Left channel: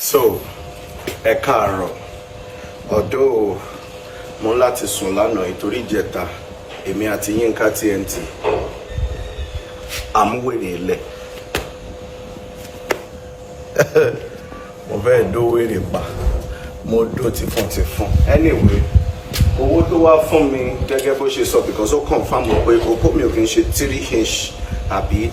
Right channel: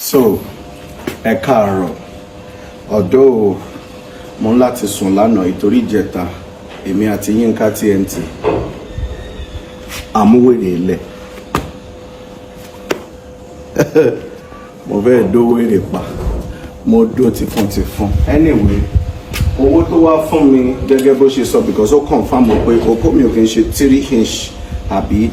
So, ẹ káàárọ̀. Although mo láti sùn lánàá ìtorí ìjẹta, èmi àti Yínká TNT àmúwèrè ilẹ̀. Mo fẹ́ dówèrè pa. Mo dó tìfun. Anyway, owó tó wá fún mi gẹ́gẹ́ bó ṣe sọ because ó confirm pé okó mi ò kí n ṣe 3 inch àbí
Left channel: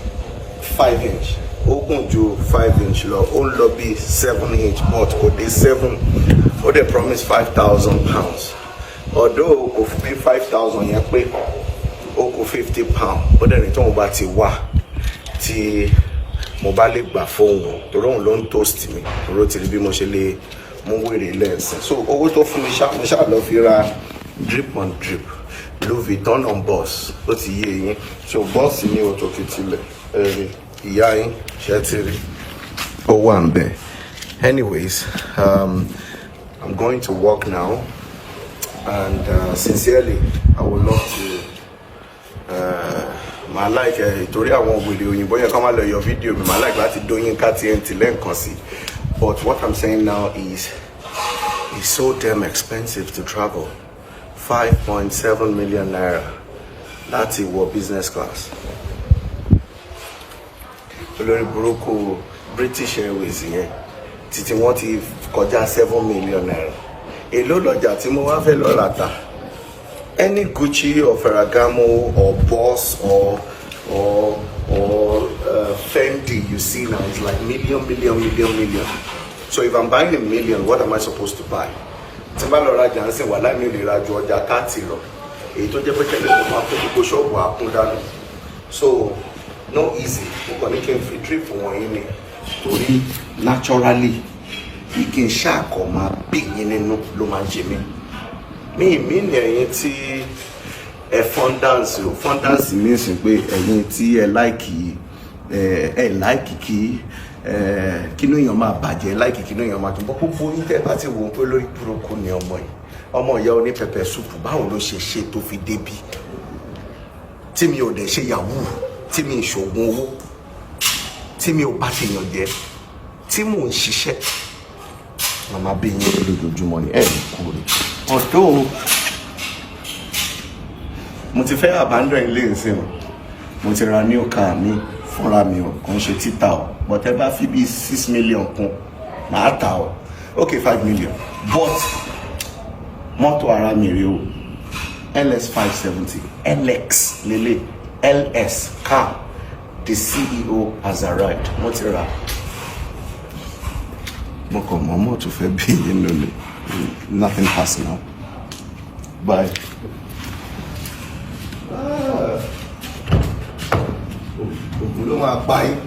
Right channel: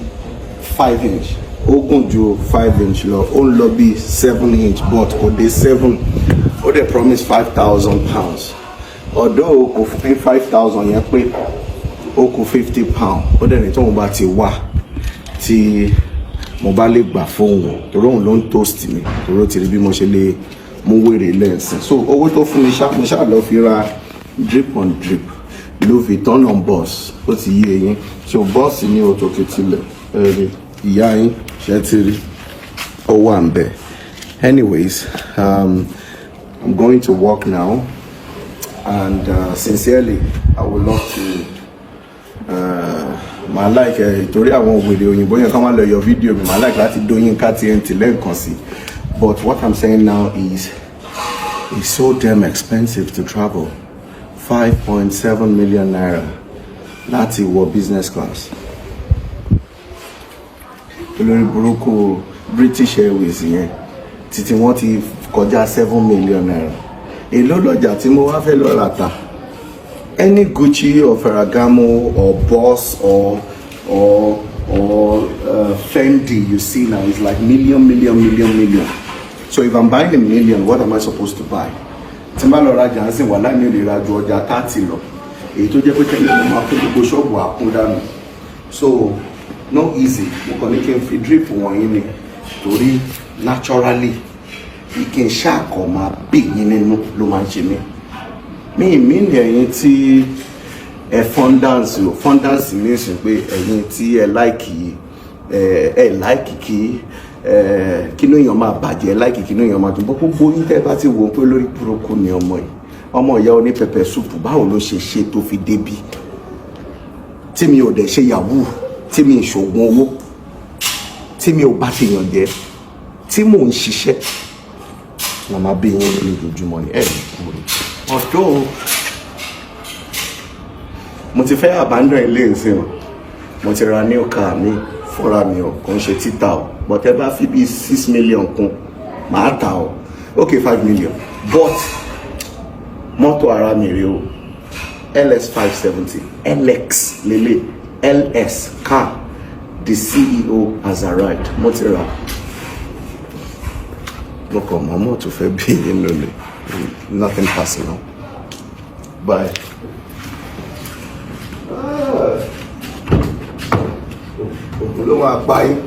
5 inch. Ó gùn ju 5 inch lọ, ó ń lọ bí 7 inch but kò dé 7. Ó dẹ̀ promise £5,000. Although ó kò fún 5,000 yẹn pé ó kù £50. Ó dẹ̀ ní tóun bá ti wá tí mo bá lè gbà fóun torí òun ló ń toast mi torí ti rí bí mo ṣe lè mú wèrè lẹ́sìn. So owó tó fún mi mo ṣáà lọ fi ra drip on drip Louis Vuitton on boss ó ti yé eyín. So boss ní òtòkè tilẹ̀ ẹ̀rí ìyá yín ṣe ti rí ó wà ń bẹ̀. Anyways, I'm going to work now and sincerely I would love to my like ìtorí àwọn òwèrè òyìnbó yẹn kọ́ máa lọ yọ fídíò mi my like láti dóyin ká TNT lẹ́ǹkan sí. But what I'm saying now is it's so damn expensive to travel. 5.7 million naira láti wọ business class. Olórí burúkú British Airways yẹn títí wọ́n ti kọjá 7 million naira. Èló lọ́jà tí mo wá fẹ́ lọ láta. Any Gucci or Ferragamo or Boss or Fendi you see now is like million. So if I'm buying a million, what am I supposed to buy? Timba lora jansi wala mi le ra ju ọjà 30 lọ. Èyí tó jẹ́ pé kele mo máa kó gbogbo shop wa kún dànù. So no easy. Mo kàn ní kí n fi drip wọ̀nyí ni torí naturally kí n ṣàkọ máa big yín nínú ló máa ń ṣe mí. Mi ní ẹ̀yin tí ẹ fondance means pé ẹ̀yin tí ẹ like kí kí ló yàn máa bàjẹ́ like kí ló yàn máa tó gbogbo yín tẹ́ bá ti wò pé lórí burúkú ni ọmọ ìyá oní pẹpẹ súpù báwo ló ṣe tó fi débi tí mi ò dẹ̀ ṣe yahoo tí mi ìṣògùn owó tí mi ò bá ti yàn jẹ́ tí mò ń ṣiṣẹ́ màmá bí yín lójoojúmọ́ ni ẹ̀ ń kúrò. Ọ̀dọ́ mo ti fẹ́ abandon ilé ìsìn o mo ti ra new car mi fúnra mi o kò ń ṣe títà o but ẹ bá fi bí 6 million kún màá tà o okay 5 million but mọ́tò ara mi rí o LS 570 LX lele LS car the CEO has arrived mo ti ra mo kàn mọ́ mọ́tò fẹ́ bí yín lólè. Nothing personal. Bye. Olówó apá yín.